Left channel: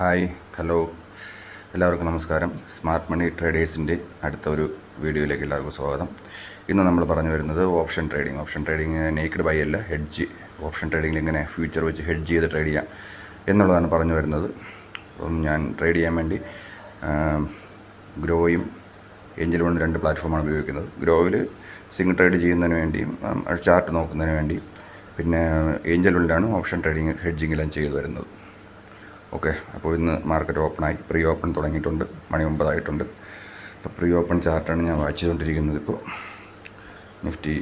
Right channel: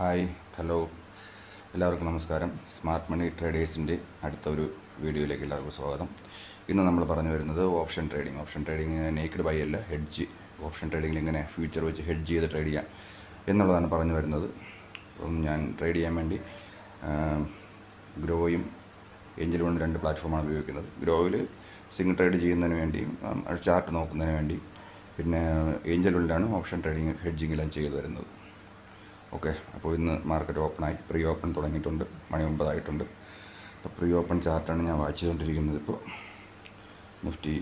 Hi, hello, എല്ലാവർക്കും നമസ്കാരം. Smart money ട്രേഡേഴ്സിൻ്റെ അടുത്ത ഒരു വീഡിയോയിലേക്ക് എല്ലാവർക്കും സ്വാഗതം. ഇന്ന് നമ്മൾ പറഞ്ഞു വരുന്നത് ഓപ്ഷൻ ട്രേഡിംഗ് നേക്കഡ് ബൈ അല്ല, ഹെഡ്ജ്. ഓപ്ഷൻ ട്രേഡിങ്ങിൽ ഇങ്ങനെ ഫ്യൂച്ചർ വെച്ച് ഹെഡ്ജ് ചെയ്ത് ട്രേഡ് ചെയ്യാം എന്നുള്ളതാണ് പറഞ്ഞു വരുന്നത്. അപ്പം ഞാൻ ട്രേഡ് ചെയ്യാൻ വേണ്ടി ഗ്രോയും ഏഞ്ചൽ വണ്ണും രണ്ട് പ്ലാറ്റ്ഫോമാണ് ഉപയോഗിക്കുന്നത്. ഗ്രോയിൽ സിംഗിൾ ട്രേഡ് ചെയ്യുന്നതിന് വേണ്ടിയും ചാർട്ട് നോക്കുന്നതിന് വേണ്ടിയും, പിന്നെ ഏഞ്ചൽ വണ്ണിലാണ് ഓപ്ഷൻ ട്രേഡിങ് ഹെഡ്ജിങ്ങെല്ലാം ചെയ്തു വരുന്നത്. ഓക്കെ, അപ്പോൾ ഇന്ന് മാർക്കറ്റ് ഓപ്പണായി. പ്രീ ഓപ്പൺ തുടങ്ങിയിട്ടുണ്ട്. മണി 9 ആയിട്ടുണ്ട്. അപ്പോൾ പ്രീ ഓപ്പൺ ചാർട്ടാണ് ഞാൻ വാച്ച് ചെയ്തുകൊണ്ടിരിക്കുന്നത്. ഇപ്പോൾ നിഫ്റ്റി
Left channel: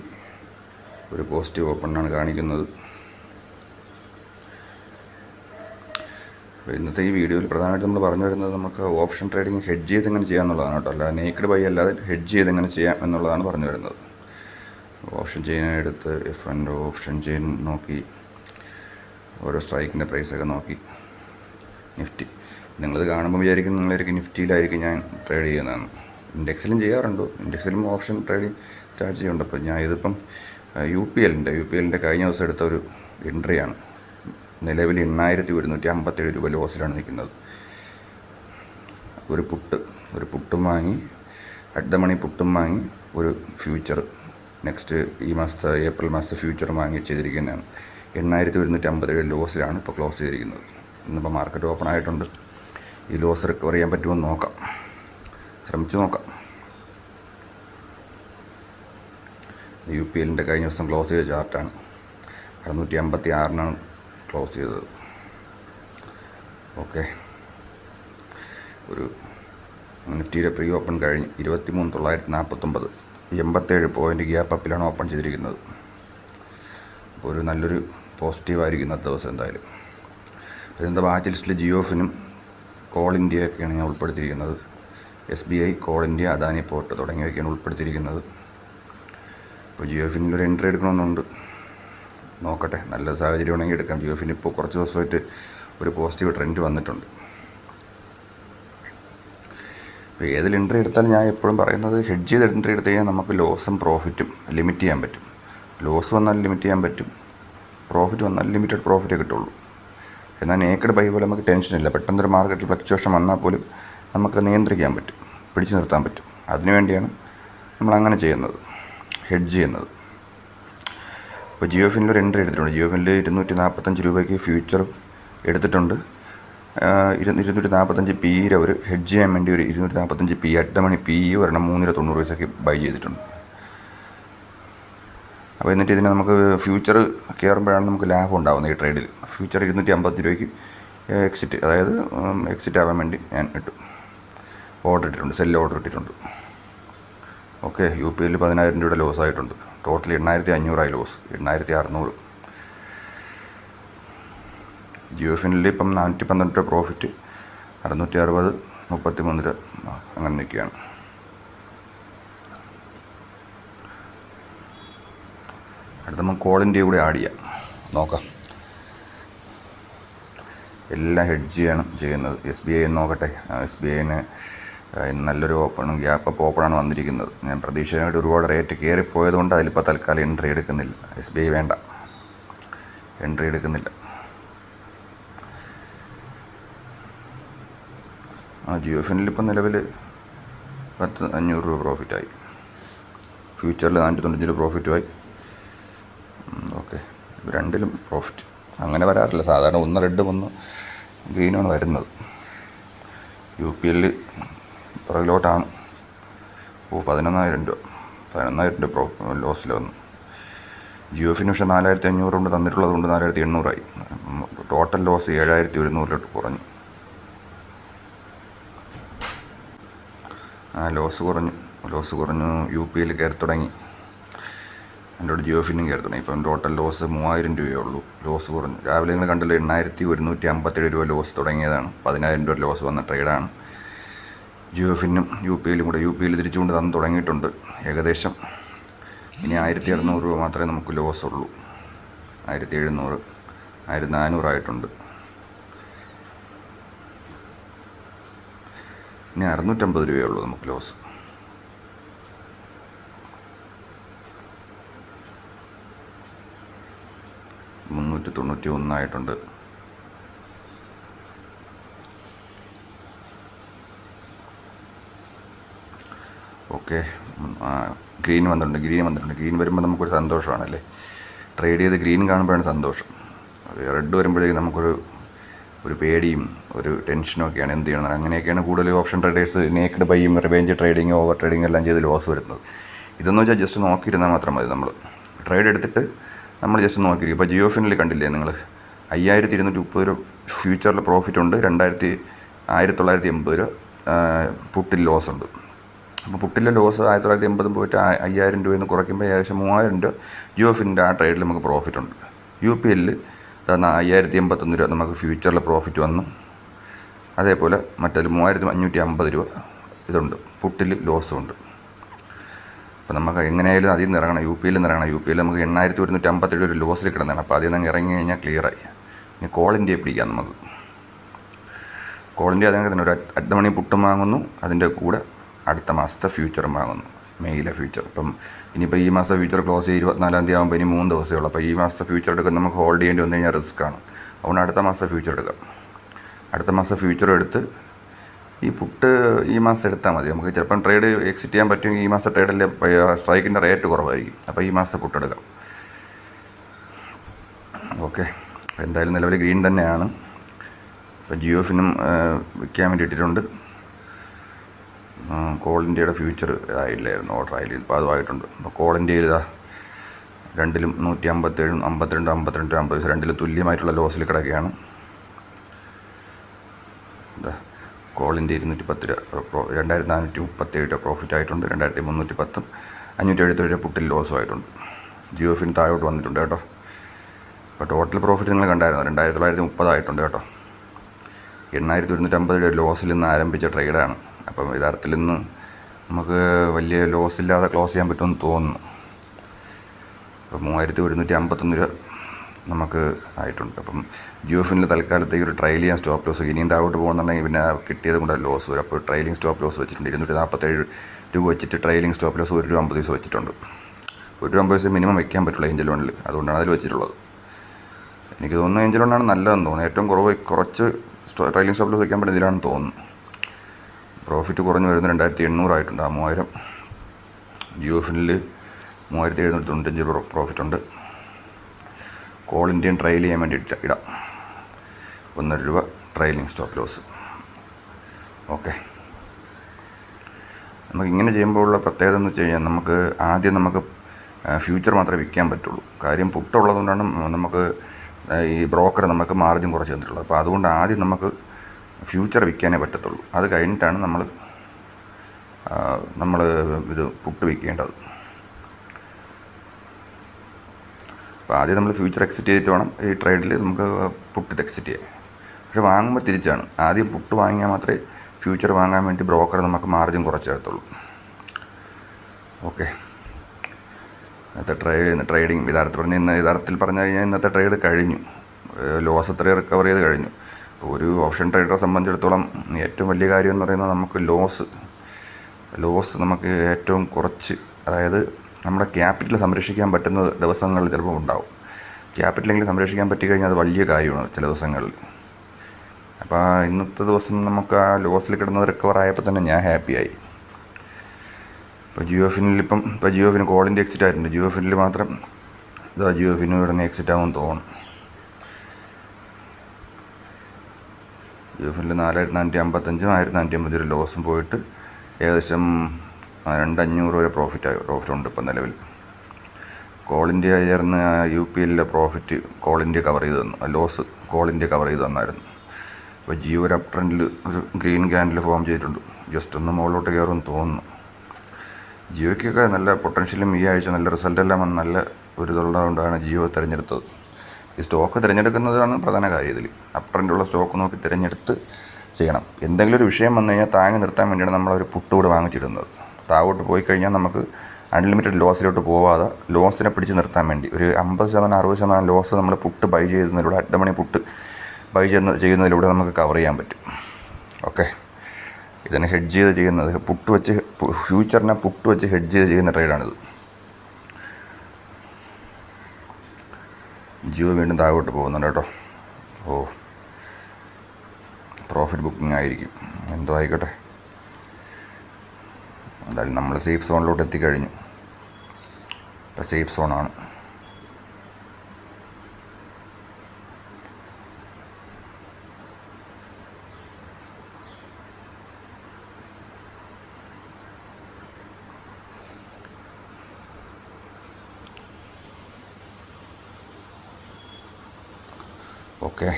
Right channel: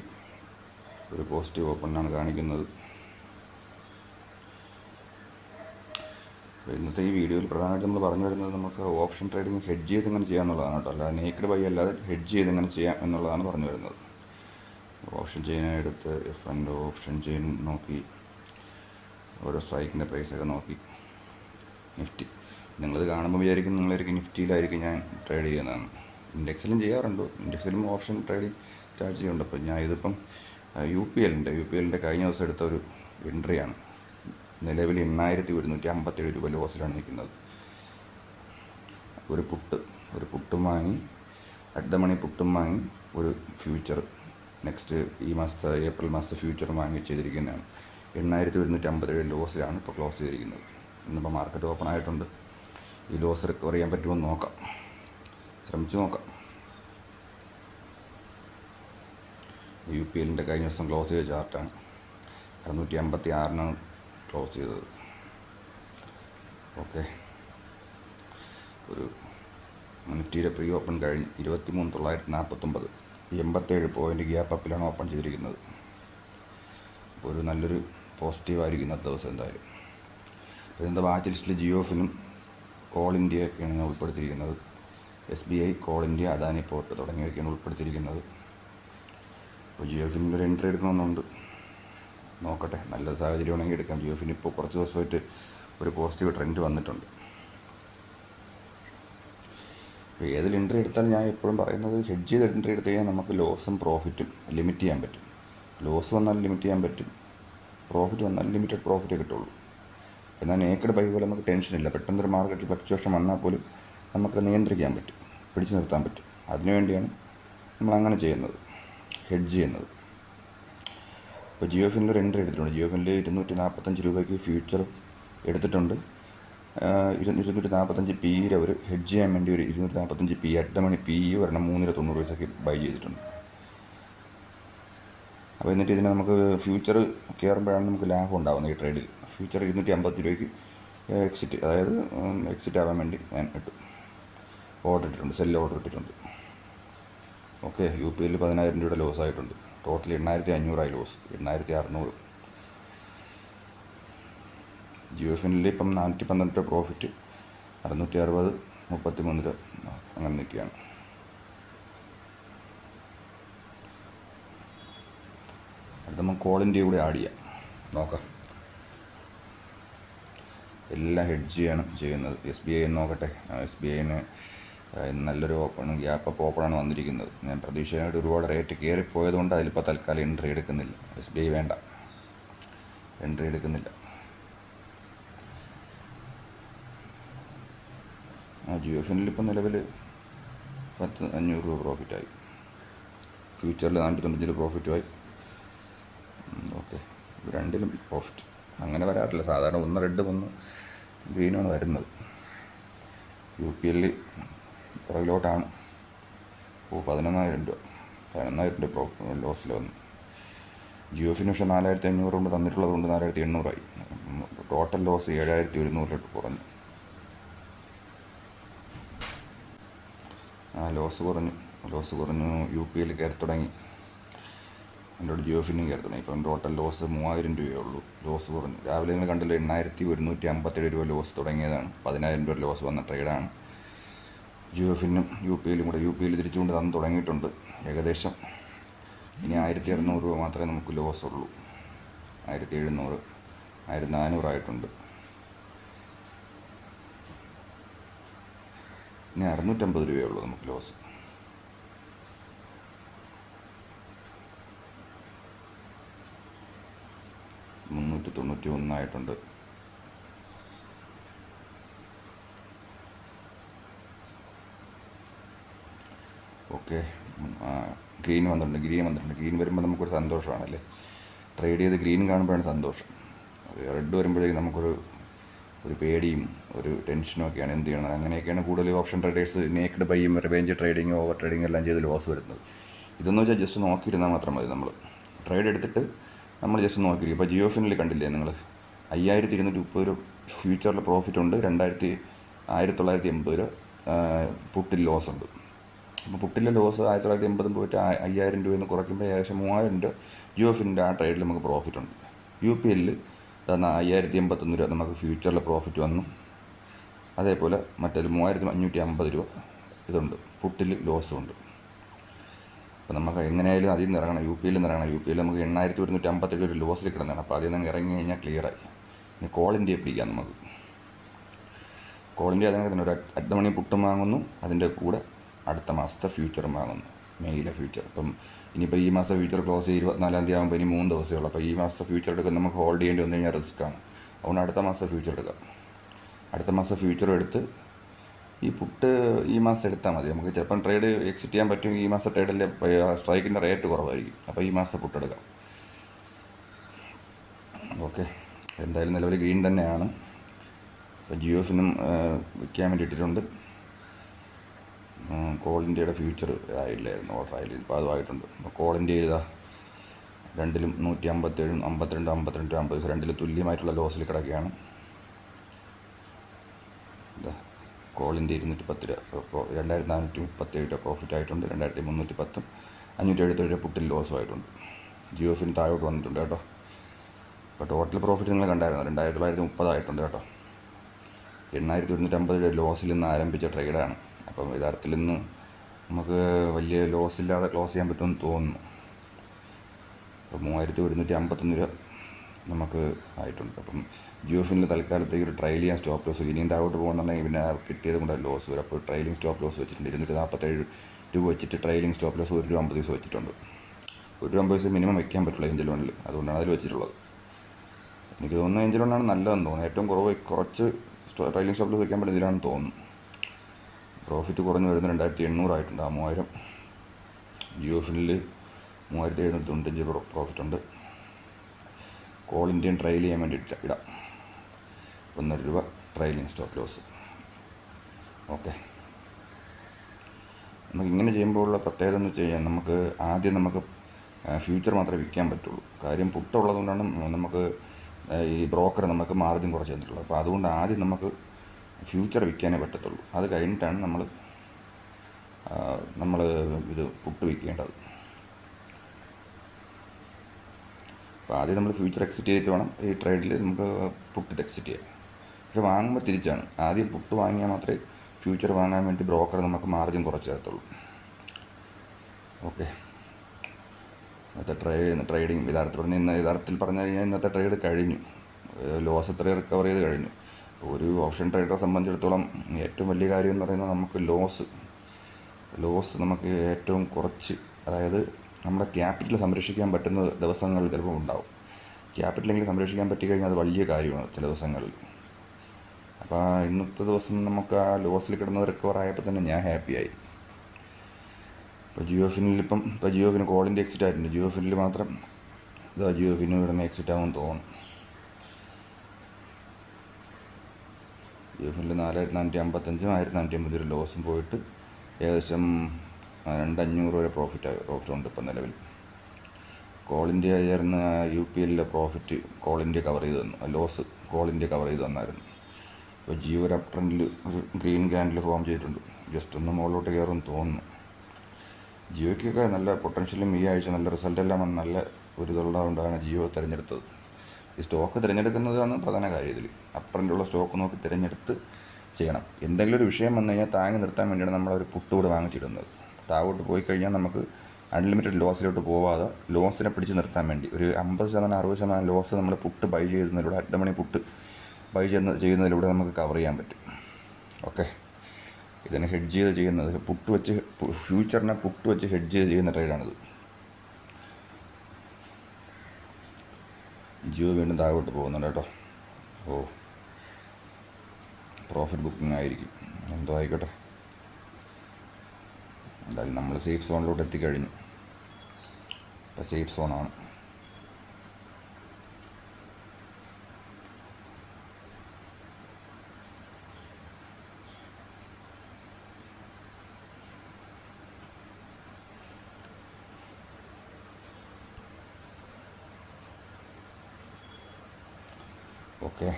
ഒരു പോസിറ്റീവ് ഓപ്പണാണ് കാണിക്കുന്നത്. അപ്പോൾ ഇന്നത്തെ ഈ വീഡിയോയിൽ പ്രധാനമായിട്ട് നമ്മൾ പറഞ്ഞു വരുന്നത് നമുക്ക് ഓപ്ഷൻ ട്രേഡിങ് ഹെഡ്ജ് ചെയ്ത് എങ്ങനെ ചെയ്യാമെന്നുള്ളതാണ് കേട്ടോ. അല്ല നേക്കഡ് ബൈ അല്ലാതെ ഹെഡ്ജ് ചെയ്ത് എങ്ങനെ ചെയ്യാം എന്നുള്ളതാണ് പറഞ്ഞു വരുന്നത്. ഓപ്ഷൻ ചെയിൻ എടുത്ത് F&O ഓപ്ഷൻ ചെയിൻ നോക്കി, ഓരോ സ്ട്രൈക്കിൻ്റെ പ്രൈസൊക്കെ നോക്കി. നിഫ്റ്റി നിങ്ങളിത് കാണുമ്പോൾ നിങ്ങളായിരിക്കും നിഫ്റ്റിയിലായിരിക്കും ഞാൻ ട്രേഡ് ചെയ്യുന്നതാണ്. ഇൻഡെക്സിലും ചെയ്യാറുണ്ട്. ഇൻഡെക്സിലും ഓപ്ഷൻ ട്രേഡിങ് സ്റ്റാർട്ട് ചെയ്യുന്നുണ്ട്. അപ്പോൾ ഞാൻ ഇതിപ്പം യു പി എല്ലിൻ്റെ കഴിഞ്ഞ ദിവസം എടുത്ത ഒരു എൻട്രിയാണ്. നിലവിൽ 8,157 രൂപ ലോസിലാണ് നിൽക്കുന്നത്. ഒരു പുട്ടും വാങ്ങി, അറ്റ് ദ മണി പുട്ടും വാങ്ങി, ഒരു ഫ്യൂച്ചർ നെക്സ്റ്റ് ഈ മാസത്തെ ഏപ്രിൽ മാസത്തെ ഫ്യൂച്ചർ വാങ്ങി ചെയ്തിരിക്കുന്നതാണ്. 8,157 ലോസിലാണ് ഇപ്പോൾ ക്ലോസ് ചെയ്തിരിക്കുന്നത്. ഇന്നിപ്പോൾ മാർക്കറ്റ് ഓപ്പൺ ആയിട്ടുണ്ട്. ഈ ലോസ് റിക്കവർ ചെയ്യാൻ പറ്റുമെന്ന് നോക്കാം, ശ്രമിച്ച് നോക്കാം. യു പി എല്ലിൻ്റെ കഴിഞ്ഞ ദിവസം ക്ലോസ് ചെയ്ത ചാർട്ടാണ്. 656 ക്ലോസ് ചെയ്തത്. ഓക്കെ, ഒരു നിഫ്റ്റിയുടെ പ്രീ ഓപ്പൺ കഴിഞ്ഞ് 23,949 87 പോയിൻ്റ് ഗ്യാപ്പ് അപ്പിലാണ് ഓപ്പൺ ചെയ്തിരിക്കുന്നത്. അപ്പോൾ ഒരു നല്ലൊരു പോസിറ്റീവായിരിക്കും ഇന്നത്തെ ദിവസം എന്തായാലും. ഇന്നത്തെ വാച്ച് ലിസ്റ്റിൽ ജിയോഫിനും കോൾ ഇന്ത്യയൊക്കെയാണ് ഞാൻ ഉൾപ്പെടുത്തിയിരിക്കുന്നത്. SBI, Coal India, Adani port തുടങ്ങിയവയൊക്കെയാണ് ഉൾപ്പെടുത്തിയിരിക്കുന്നത്. ഇപ്പോൾ ജിയോഫിനിലൊരു എൻട്രി എടുക്കണമെന്നുണ്ട്. നോക്കട്ടെ, നല്ല സാഹചര്യം ഉണ്ടെങ്കിൽ എടുക്കാം. ജിയോഫിന് ഇപ്പോൾ കുറച്ച് ദിവസമായിട്ട് ഒരു പോസിറ്റീവ് ട്രെൻഡ് വന്നിട്ടുണ്ട്. ഇപ്പോൾ ഏതിൽ എൻട്രി എടുത്താലും ഞാൻ എപ്പോഴും പറയുന്നത് ഹെഡ്ജ് ചെയ്ത് എൻട്രി എടുത്ത് കഴിഞ്ഞാൽ നമുക്ക് ലോസും പ്രോഫിറ്റും ലിമിറ്റ് ചെയ്യാൻ പറ്റും. ലോസ് വന്നാൽ ലിമിറ്റ് ചെയ്യാൻ പറ്റും, പ്രോഫിറ്റ് വന്നാൽ ലിമിറ്റഡ് പ്രോഫിറ്റേ കിട്ടുള്ളൂ. എന്നാൽ നേക്കഡ് ബൈ പോലെ നമുക്ക് ടെൻഷനില്ല. പെട്ടെന്നൊരു മാർക്കറ്റിൽ ഫ്ലക്ച്വേഷൻ വന്നാൽ പോലും നമുക്ക് നിയന്ത്രിക്കാൻ പറ്റും, പിടിച്ചു നിർത്താൻ പറ്റും. അതിനുവേണ്ടിയാണ് നമ്മളങ്ങനെ ചെയ്യുന്നത്, ഹെഡ്ജ് ചെയ്യുന്നത്. ഇപ്പോൾ ജിയോഫിനിലൊരു എൻട്രി എടുത്തിട്ടുണ്ട്. ജിയോഫിനിൽ 245 രൂപയ്ക്ക് ഫ്യൂച്ചർ എടുത്തിട്ടുണ്ട്. 245 PE ഒരു ഹെഡ്ജ് ചെയ്യാൻ വേണ്ടി ഒരു 245 PE at the money PE ഒരെണ്ണം 390 പൈസയ്ക്ക് ബൈ ചെയ്തിട്ടുണ്ട്. അപ്പോൾ എന്നിട്ട് ഇതിന് നമുക്ക് ഫ്യൂച്ചർ കയറുമ്പോഴാണ് നമുക്ക് ലാഭം ഉണ്ടാകുന്നത്. ഈ ട്രേഡിൽ ഫ്യൂച്ചർ 250 രൂപയ്ക്ക് എക്സിറ്റ് ആവാൻ വേണ്ടി ഞാൻ ഓർഡർ ഇട്ടിട്ടുണ്ട്, സെല്ല് ഓർഡർ ഇട്ടിട്ടുണ്ട്. ഓക്കെ, യു പി എല്ലിൽ 10,000 രൂപയുടെ ലോസ് ആയിട്ടുണ്ട്. Total 8,500 loss, 8,600. ജിയോഫിനിൽ ഇപ്പം 412 രൂപ പ്രോഫിറ്റ്, 660, 33 രൂപ അങ്ങനെ നിൽക്കുകയാണ്. അടുത്ത നമുക്ക് കോൾ ഇന്ത്യ കൂടെ ആഡ് ചെയ്യാം, നോക്കാം. എല്ലാം ഹെഡ്ജ് ചെയ്യാണ് ചെയ്യുന്നത്. SBI നോക്കട്ടെ. SBIന് നല്ലൊരു ഗ്യാപ്പ് അപ്പ് ഓപ്പണാണ് വന്നിരിക്കുന്നത്. ഞാൻ പ്രതീക്ഷിച്ചതിനായിട്ട് ഒരുപാട് റേറ്റ് കയറിപ്പോയതുകൊണ്ട് അതിലിപ്പോൾ തൽക്കാലം എൻട്രി എടുക്കുന്നില്ല. SBI വേണ്ട, എൻട്രി എടുക്കുന്നില്ല. ജിയോഫിനിൽ ഇപ്പം നിലവിൽ 500 രൂപ പ്രോഫിറ്റായി. ഫ്യൂച്ചറിൽ 495 രൂപ പ്രോഫിറ്റുമായി. ഓക്കെ, രണ്ടിലും പ്രോഫിറ്റ് അങ്ങനെ വരാറില്ല. സാധാരണ ഒന്ന് റെഡും ഒന്ന് ഗ്രീനുമാണ് വരുന്നത്. യു പി എല്ലിൽ പുറകിലോട്ടാണ്. 11,000 രൂപ ലോസിൽ വന്നു. ജിയോഫിന് പക്ഷേ 4,500 കൊണ്ട് തന്നിട്ടുള്ളത് കൊണ്ട് 4,800 ടോട്ടൽ ലോസ് 7,100 കുറഞ്ഞു. ലോസ് കുറഞ്ഞു. യു പി എല്ലിൽ കയറി തുടങ്ങി. എൻ്റെ കൂടെ ജിയോഫിനും കയറി തുടങ്ങി. ഇപ്പം ടോട്ടൽ ലോസ് 3,000 രൂപയേ ഉള്ളൂ. ലോസ് കുറഞ്ഞു. രാവിലെ നിങ്ങൾ കണ്ടല്ലോ, 8,157 രൂപ ലോസ് തുടങ്ങിയതാണ്. 10,000 രൂപ ലോസ് വന്ന ട്രേഡാണ്. ജിയോഫിനും യു പി എല്ലും കൂടെ. യു പി എൽ തിരിച്ചുകൊണ്ട് തന്നു തുടങ്ങിയിട്ടുണ്ട് ഏകദേശം. ഇനി 1,600 രൂപ മാത്രമേ നമുക്ക് ലോസ് ഉള്ളൂ. 1,700, 1,400 ആയിട്ടുണ്ട്. ഇനി 650 രൂപയേ ഉള്ളൂ നമുക്ക് ലോസ്. $391 ആയിട്ടുണ്ട്. ഓക്കെ. ഗ്രീൻ വന്നിട്ടുണ്ട്. ഗ്രീൻ വരുമ്പോൾ നമുക്കൊരു സന്തോഷമാണല്ലേ. ട്രേഡ് ചെയ്ത് ഗ്രീൻ കാണുമ്പോഴാണ് സന്തോഷം. അത് റെഡ് വരുമ്പോഴേക്കും ഒരു പേടിയും ഒരു ടെൻഷനും ഒക്കെയാണ് എന്ത് ചെയ്യണം. അങ്ങനെയൊക്കെയാണ് കൂടുതൽ ഓപ്ഷൻ ട്രേഡേഴ്സ് നേക്കഡ് ബൈയും റിവേഞ്ച് ട്രേഡിങ് ഓവർ ട്രേഡിങ് എല്ലാം ചെയ്ത് ലോസ് വരുന്നത്. ഇതെന്ന് വെച്ചാൽ ജസ്റ്റ് നോക്കിയിരുന്നാൽ മാത്രം മതി. നമ്മൾ ട്രേഡ് എടുത്തിട്ട് നമ്മൾ ജസ്റ്റ് നോക്കിയിരിക്കും. ഇപ്പോൾ ജിയോ ഫിനിൽ കണ്ടില്ലേ നിങ്ങൾ, 5230 രൂപ ഫ്യൂച്ചറിൽ പ്രോഫിറ്റ് ഉണ്ട്, 1980 രൂപ പുട്ടിൽ ലോസ് ഉണ്ട്. അപ്പോൾ പുട്ടിലെ ലോസ് 1980 പോയിട്ട് 5000 രൂപയിൽ നിന്ന് കുറയ്ക്കുമ്പോൾ ഏകദേശം 3000 രൂപ ജിയോ ഫിനിൻ്റെ ആ ട്രേഡിൽ നമുക്ക് പ്രോഫിറ്റ് ഉണ്ട്. യു പി എല്ലിൽ 5081 രൂപ നമുക്ക് ഫ്യൂച്ചറിൽ പ്രോഫിറ്റ് വന്നു. അതേപോലെ മറ്റൊരു 3550 രൂപ ഇതുണ്ട്, പുട്ടിൽ ലോസും ഉണ്ട്. അപ്പോൾ നമുക്ക് എങ്ങനെയായാലും അതിൽ നിന്ന് ഇറങ്ങണം, യു പിയിൽ നിന്ന് ഇറങ്ങണം. യു പിയിൽ നമുക്ക് 8157 ഒരു ലോസിൽ കിടന്നതാണ്. അപ്പോൾ അതിൽ നിന്ന് ഇറങ്ങി കഴിഞ്ഞാൽ ക്ലിയറായി. ഇനി കോൾ ഇന്ത്യയെ പിടിക്കാം നമുക്ക്. കോൾ ഇന്ത്യ അതേ തന്നെ ഒരു അറ്റ് മണി പുട്ടും വാങ്ങുന്നു, അതിൻ്റെ കൂടെ അടുത്ത മാസത്തെ ഫ്യൂച്ചറും വാങ്ങുന്നു, മെയിലെ ഫ്യൂച്ചർ. ഇപ്പം ഇനിയിപ്പോൾ ഈ മാസത്തെ ഫ്യൂച്ചർ ക്ലോസ് 24-ാം തീയതി ആകുമ്പോൾ ഇനി 3 ദിവസമേ ഉള്ളൂ. അപ്പോൾ ഈ മാസത്തെ ഫ്യൂച്ചർ എടുക്കാൻ നമുക്ക് ഹോൾഡ് ചെയ്യേണ്ടി വന്നു കഴിഞ്ഞാൽ റിസ്ക്കാണ്. അതുകൊണ്ട് അടുത്ത മാസത്തെ ഫ്യൂച്ചർ എടുക്കാം. അടുത്ത മാസത്തെ ഫ്യൂച്ചർ എടുത്ത് ഈ പുട്ട് ഈ മാസം എടുത്താൽ മതി. നമുക്ക് ചിലപ്പം ട്രേഡ് എക്സിറ്റ് ചെയ്യാൻ പറ്റുമെങ്കിൽ ഈ മാസത്തെ ട്രേഡിൽ സ്ട്രൈക്കിൻ്റെ റേറ്റ് കുറവായിരിക്കും. അപ്പോൾ ഈ മാസത്തെ പുട്ടെടുക്കാം. ഓക്കെ. എന്തായാലും നിലവിൽ ഗ്രീൻ തന്നെയാണ്. ഇപ്പോൾ ജിയോ ഫിനും വിൽക്കാൻ വേണ്ടി ഇട്ടിട്ടുണ്ട്. കോൾ ഇന്ത്യയുടെ ഫ്യൂച്ചർ ആയില്ലായിരുന്നു, ഓർഡർ ആയില്ല. ഇപ്പോൾ അതുമായിട്ടുണ്ട്. അപ്പോൾ കോൾ ഇന്ത്യയിൽ രണ്ടിലും 157, 52, 50 രണ്ടിലും തുല്യമായിട്ടുള്ള ലോസിൽ കിടക്കുകയാണ്. കോൾ ഇന്ത്യ 210 രൂപ 2437 രൂപ പ്രോഫിറ്റ് ആയിട്ടുണ്ട്. 2310, 577 രൂപ പുട്ടിൽ ലോസും ആയിട്ടുണ്ട്. ജിയോ ഫിൻ താഴോട്ട് വന്നിട്ടുണ്ട് കേട്ടോ. അപ്പോൾ ടോട്ടൽ പ്രോഫിറ്റ് നിങ്ങൾ കണ്ടായിരുന്നു, 2930 ആയിട്ടുണ്ട് കേട്ടോ. 8150 രൂപ ലോസിൽ നിന്ന് ആരംഭിച്ച ട്രേഡാണ്. അപ്പം യഥാർത്ഥത്തിൽ ഇന്ന് നമുക്ക് വലിയ ലോസ് ഇല്ലാതെ ക്ലോസ് ചെയ്യാൻ പറ്റുമെന്ന് തോന്നുന്നു. അപ്പോൾ 3151 രൂപ നമുക്ക് ആയിട്ടുണ്ട്. അപ്പം ജിയോ ഫിനിൽ തൽക്കാലത്തേക്ക് ഒരു ട്രയൽ ചെയ്യാൻ സ്റ്റോപ്പ് ലോസ്, ഇനിയും താഴോട്ട് പോകുന്നുണ്ടെങ്കിൽ പിന്നെ കിട്ടിയത് കൊണ്ട് ലോസ് വരും. അപ്പോൾ ട്രailing സ്റ്റോപ്പ് ലോസ് വെച്ചിട്ടുണ്ട്. 247 രൂപ വെച്ചിട്ട് ട്രailing സ്റ്റോപ്പ് ലോസ് 1 രൂപ 50 പൈസ വെച്ചിട്ടുണ്ട്. 1 രൂപ 50 പൈസ മിനിമം വെക്കാൻ പറ്റുള്ളൂ ഏഞ്ചൽ വണ്ണിൽ. അതുകൊണ്ടാണ് അതിൽ വെച്ചിട്ടുള്ളത്. എനിക്ക് തോന്നുന്നു ഏഞ്ചൽ വണ്ണാണ് നല്ലതെന്ന് തോന്നുന്നു. ഏറ്റവും കുറച്ച് ട്രailing സ്റ്റോപ്പ് ലോസ് വെക്കാൻ പറ്റുന്ന ഇതിലാണെന്ന് തോന്നുന്നു. പ്രോഫിറ്റ് കുറഞ്ഞ് വരുന്നത് 2800 ആയിട്ടുണ്ട്. ആ 3000 ജിയോ ഫിനിൽ 3795 രൂപ പ്രോഫിറ്റ് ഉണ്ട്. കോൾ ഇന്ത്യൻ ട്രയൽ ചെയ്യാൻ വേണ്ടിയിട്ട് ഇടാം. 1 രൂപ ട്രailing സ്റ്റോപ്പ് ലോസ്. ഓക്കെ. നമുക്ക് ഇങ്ങനെ ചെയ്യുമ്പോൾ ഉള്ള പ്രത്യേകത എന്ന് വെച്ച് കഴിഞ്ഞാൽ നമുക്ക് ഫ്യൂച്ചർ മാത്രമേ വിൽക്കാൻ പറ്റുള്ളൂ. കാര്യം പുട്ടുള്ളതുകൊണ്ടാണ് നമുക്ക് ഈ ബ്രോക്കർ നമുക്ക് മാർജിൻ കുറച്ച് തന്നിട്ടുള്ളത്. അപ്പോൾ അതുകൊണ്ട് ആദ്യം നമുക്ക് ഫ്യൂച്ചർ വിൽക്കാനേ പറ്റത്തുള്ളൂ. അത് കഴിഞ്ഞിട്ടാണ് നമ്മൾ ഇത് പുട്ട് വിൽക്കേണ്ടത്. അപ്പോൾ ആദ്യം നമ്മൾ ഫ്യൂച്ചർ എക്സിറ്റ് ചെയ്തിട്ട് വേണം ഈ ട്രേഡിൽ നമുക്ക് പുട്ട് എക്സിറ്റ് ചെയ്യാം. പക്ഷെ വാങ്ങുമ്പോൾ തിരിച്ചാണ്. ആദ്യം പുട്ട് വാങ്ങിയാൽ മാത്രമേ ഫ്യൂച്ചർ വാങ്ങാൻ വേണ്ടി ബ്രോക്കർ നമുക്ക് മാർജിൻ കുറച്ച് തരത്തുള്ളൂ. ഓക്കെ. ഇന്നത്തെ ട്രേഡിങ് യഥാർത്ഥത്തിൽ പറഞ്ഞു കഴിഞ്ഞാൽ ഇന്നത്തെ ട്രേഡ് കഴിഞ്ഞു. ലോസ് അത്രയും റിക്കവർ ചെയ്ത് കഴിഞ്ഞു. ഒരു ഓപ്ഷൻ ട്രേഡറെ സംബന്ധിച്ചിടത്തോളം ഏറ്റവും വലിയ കാര്യം എന്ന് പറയുന്നത് നമുക്ക് ലോസ് നമുക്ക് ഏറ്റവും കുറച്ച്, അതായത് നമ്മുടെ ക്യാപിറ്റൽ സംരക്ഷിക്കാൻ പറ്റുന്ന ദിവസങ്ങളിൽ ചിലപ്പോൾ ഉണ്ടാവും. ക്യാപിറ്റലെങ്കിലും സംരക്ഷിക്കാൻ പറ്റിക്കഴിഞ്ഞാൽ അത് വലിയ കാര്യമാണ് ചില ദിവസങ്ങളിൽ. അപ്പോൾ ഇന്നത്തെ ദിവസം നമുക്ക് ആ ലോസിൽ കിടന്നത് റിക്കവർ ആയപ്പോൾ തന്നെ ഞാൻ ഹാപ്പിയായി. ഇപ്പോൾ ജിയോ ഫിന് കോൾ ഇന്ത്യ എക്സിറ്റ് ആയിട്ടുണ്ട്. ജിയോ ഫിനിൽ മാത്രം ജിയോ ഫിന് ഉടനെ എക്സിറ്റ് ആകുമെന്ന് തോന്നുന്നു. ജിയോ ഫിനിൽ 4455, 1450 ഒരു ലോസും പോയിട്ട് ഏകദേശം 2500 വരെ പ്രോഫിറ്റ് ഉണ്ട് ഇപ്പോൾ നിലവിൽ. കോൾ ഇന്ത്യ ചേർന്ന് യു പി എല്ലിലെ പ്രോഫിറ്റ് കോൾ ഇന്ത്യ കവർ ചെയ്ത് തന്നു, ലോസ് കോൾ ഇന്ത്യ കവർ ചെയ്ത് തന്നായിരുന്നു. ഇപ്പോൾ ജിയോ ഒരു അപ് ട്രെൻഡിൽ ഒരു ഗ്രീൻ ക്യാൻഡിൽ ഫോം ചെയ്തിട്ടുണ്ട്. ജസ്റ്റ് ഒന്ന് മുകളിലോട്ട് കയറുമെന്ന് തോന്നുന്നു. ജിയോയ്ക്കൊക്കെ നല്ല പൊട്ടൻഷ്യലും ഈ ആഴ്ച നല്ല റിസൾട്ടെല്ലാം നല്ല ഒരു ഇതുള്ളതുകൊണ്ടാണ് ജിയോ തിരഞ്ഞെടുത്തത്. ഈ സ്റ്റോക്ക് തിരഞ്ഞെടുക്കുന്നതാണ് പ്രധാന കാര്യം. ഇതിൽ അപ് ട്രെൻഡുള്ള സ്റ്റോക്ക് നോക്കി തിരഞ്ഞെടുത്ത് ചെയ്യണം. എന്തെങ്കിലും ഒരു വിഷയം വന്നു കഴിഞ്ഞാൽ താങ്ങി നിർത്താൻ വേണ്ടിയാണ് നമ്മളൊരു പുട്ടുകൂടെ വാങ്ങിച്ചിടുന്നത്. താഴോട്ട് പോയി കഴിഞ്ഞാൽ നമുക്ക് അൺലിമിറ്റഡ് ലോസിലോട്ട് പോവാതെ ലോസിനെ പിടിച്ച് നിർത്താൻ വേണ്ടി ഒരു 50%, 60% ലോസ് നമ്മൾ പുട്ട് ബൈ ചെയ്യുന്നതിലൂടെ, അഡ്മണി പുട്ട് ബൈ ചെയ്യുന്നതിലൂടെ നമുക്ക് കവർ ചെയ്യാൻ പറ്റും. ഓക്കെ. ഇതിനെ ഹെഡ്ജ് ചെയ്ത് ചെയ്യുന്നത് ഫ്യൂച്ചറിനെ പുട്ട് വെച്ച് ഹെഡ്ജ് ചെയ്ത് ചെയ്യുന്ന ട്രേഡാണിത്. ജിയോ വീണ്ടും താഴോട്ട് പോകുന്നുണ്ട് കേട്ടോ. പ്രോഫിറ്റ് ബുക്കിംഗ് ആയിരിക്കും, എന്തോ ആയിക്കോട്ടെ. എന്തായാലും നമ്മൾ സേഫ് സോണിലോട്ട് എത്തിക്കഴിഞ്ഞു. ഇപ്പോൾ സേഫ് സോണാണ്. ഓക്കെ,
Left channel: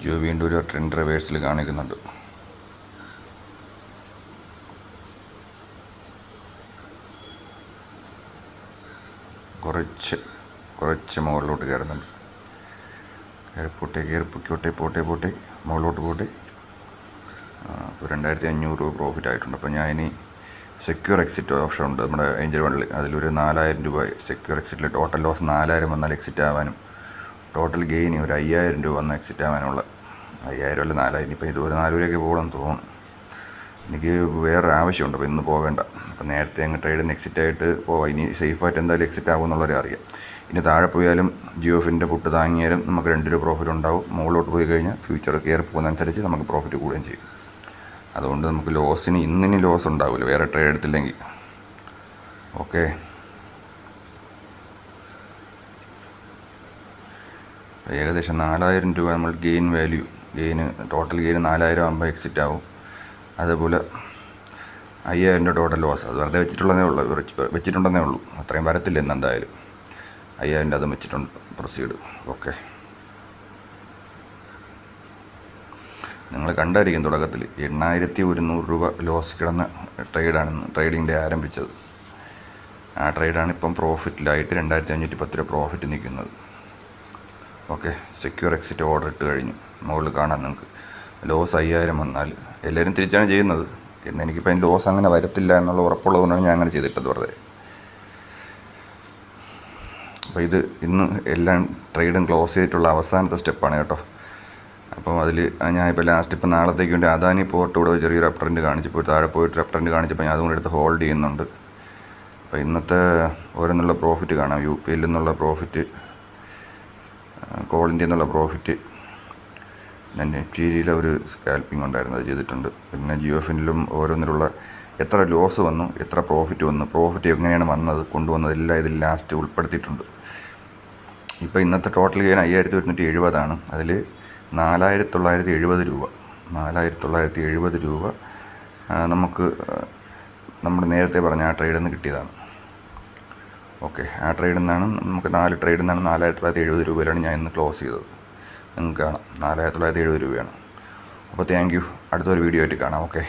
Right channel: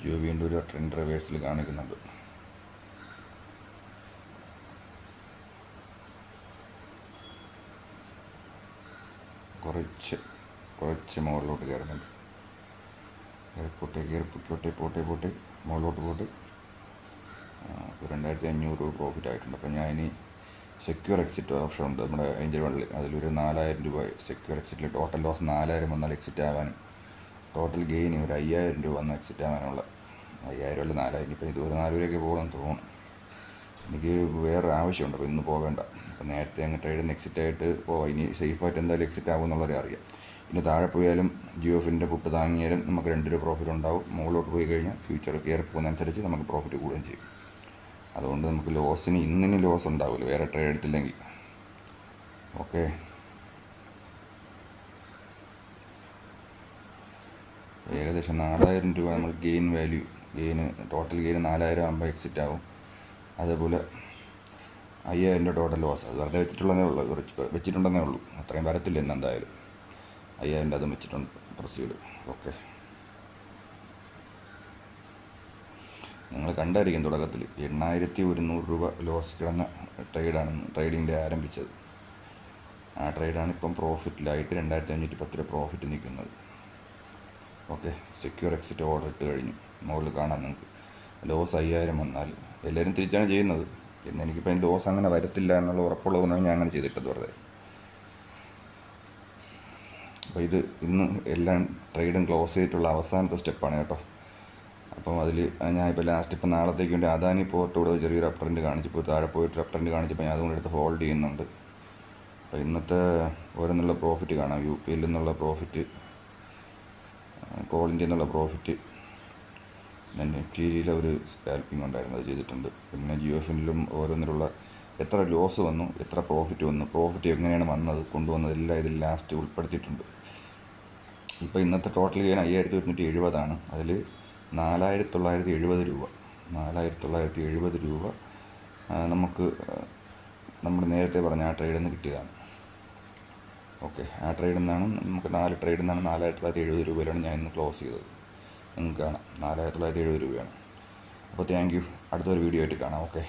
ജിയോ വീണ്ടും ഒരു ട്രെൻഡ് റിവേഴ്സിൽ കാണിക്കുന്നുണ്ട്. കുറച്ച് മുകളിലോട്ട് കയറുന്നുണ്ട്. പോട്ടെ മുകളിലോട്ട് പോട്ടെ. ഇപ്പോൾ 2500 രൂപ പ്രോഫിറ്റ് ആയിട്ടുണ്ട്. അപ്പോൾ ഞാൻ ഇനി സെക്യൂർ എക്സിറ്റ് ഓപ്ഷൻ ഉണ്ട് നമ്മുടെ ഏഞ്ചൽ വണ്ടിൽ. അതിലൊരു 4000 രൂപ സെക്യൂർ എക്സിറ്റിൽ ടോട്ടൽ ലോസ് 4000 വന്നാൽ എക്സിറ്റ് ആവാനും ടോട്ടൽ ഗെയിൻ ഒരു 5000 രൂപ വന്നാൽ എക്സിറ്റ് ആവാനുള്ള 5000 അല്ല 4000. ഇപ്പോൾ ഇത് ഒരു 4 രൂപയ്ക്ക് പോകണമെന്ന് തോന്നുന്നു. എനിക്ക് വേറെ ആവശ്യമുണ്ട്, അപ്പോൾ ഇന്ന് പോവേണ്ട. അപ്പോൾ നേരത്തെ അങ്ങ് ട്രേഡിൽ നിന്ന് എക്സിറ്റ് ആയിട്ട് പോവാം. ഇനി സേഫായിട്ട് എന്തായാലും എക്സിറ്റ് ആകുമെന്നുള്ളവരെ അറിയാം. ഇനി താഴെ പോയാലും ജിയോഫിൻ്റെ പുട്ട് താങ്ങിയാലും നമുക്ക് 2 രൂപ പ്രോഫിറ്റ് ഉണ്ടാവും. മുകളിലോട്ട് പോയി കഴിഞ്ഞാൽ ഫ്യൂച്ചർ കയറി പോകുന്നതനുസരിച്ച് നമുക്ക് പ്രോഫിറ്റ് കൂടുകയും ചെയ്യും. അതുകൊണ്ട് നമുക്ക് ഇന്നിനി ലോസ് ഉണ്ടാവില്ല വേറെ ട്രേഡ് എടുത്തില്ലെങ്കിൽ. ഓക്കെ, ഏകദേശം 4000 രൂപ നമ്മൾ ടോട്ടൽ ഗെയിൻ 4000 ആകുമ്പോൾ എക്സിറ്റ് ആവും. അതേപോലെ 5000 രൂപ ടോട്ടൽ ലോസ്. അത് വെറുതെ വെച്ചിട്ടുണ്ടെന്നേ ഉള്ളൂ. അത്രയും വരത്തില്ല ഇന്ന് എന്തായാലും. 5000 രൂപ അതും വെച്ചിട്ടുണ്ട്. പ്രൊസീഡ്. ഓക്കെ, നിങ്ങൾ കണ്ടായിരിക്കും തുടക്കത്തിൽ 8100 രൂപ ലോസ് കിടന്ന ട്രേഡിങ്ങിൻ്റെ ആരംഭിച്ചത്. ആ ട്രേഡാണ് ഇപ്പം പ്രോഫിറ്റിലായിട്ട് 2510 രൂപ പ്രോഫിറ്റ് നിൽക്കുന്നത്. ഓക്കെ, സെക്യൂർ എക്സിറ്റ് ഓർഡർ ഇട്ട് കഴിഞ്ഞു. മുകളിൽ കാണാം നിങ്ങൾക്ക് ലോസ് 5000 വന്നാൽ എല്ലാവരും തിരിച്ചാണ് ചെയ്യുന്നത്. എന്ന് എനിക്കിപ്പോൾ അതിന് ലോസ് അങ്ങനെ വരത്തില്ല എന്നുള്ള ഉറപ്പുള്ളതുകൊണ്ടാണ് ഞാൻ അങ്ങനെ ചെയ്തിട്ടത് വെറുതെ. അപ്പോൾ ഇത് ഇന്ന് എല്ലാം ട്രേഡും ക്ലോസ് ചെയ്തിട്ടുള്ള അവസാനത്തെ സ്റ്റെപ്പാണ് കേട്ടോ. അപ്പോൾ അതിൽ ഞാനിപ്പോൾ ലാസ്റ്റ് ഇപ്പോൾ നാളത്തേക്ക് വേണ്ടി അദാനി പോർട്ട് ഇവിടെ ചെറിയൊരു അപ് ട്രെൻഡ് കാണിച്ചപ്പോൾ താഴെ പോയിട്ട് അപ് ട്രെൻഡ് കാണിച്ചപ്പോൾ ഞാൻ അതുകൊണ്ട് എടുത്ത് ഹോൾഡ് ചെയ്യുന്നുണ്ട്. അപ്പോൾ ഇന്നത്തെ ഓരോന്നുള്ള പ്രോഫിറ്റ് കാണാം. UPL നിന്നുള്ള പ്രോഫിറ്റ്, കോൾ ഇന്ത്യ എന്നുള്ള പ്രോഫിറ്റ്, പിന്നെ നെറ്റ്ചീരിയിലെ ഒരു സ്കാൽപ്പിംഗ് ഉണ്ടായിരുന്നു, അത് ചെയ്തിട്ടുണ്ട്. പിന്നെ ജിയോഫിനിലും ഓരോന്നിലുള്ള എത്ര ലോസ് വന്നു, എത്ര പ്രോഫിറ്റ് വന്നു, പ്രോഫിറ്റ് എങ്ങനെയാണ് കൊണ്ടുവന്നത് എല്ലാം ഇതിൽ ലാസ്റ്റ് ഉൾപ്പെടുത്തിയിട്ടുണ്ട്. ഇപ്പോൾ ഇന്നത്തെ ടോട്ടൽ ഗെയിൻ 5170 അതിൽ 4970 രൂപ 4970 രൂപ നമുക്ക് നമ്മൾ നേരത്തെ പറഞ്ഞ ആ ട്രേഡിൽ നിന്ന് കിട്ടിയതാണ്. ഓക്കെ, ആ ട്രേഡിൽ നിന്നാണ് നമുക്ക് 4 ട്രേഡിൽ നിന്നാണ് 4970 രൂപയിലാണ് ഞാൻ ഇന്ന് ക്ലോസ് ചെയ്തത്. നിങ്ങൾക്ക് കാണാം 4970 രൂപയാണ്. അപ്പോൾ താങ്ക് യു. അടുത്തൊരു വീഡിയോ ആയിട്ട് കാണാം. ഓക്കെ.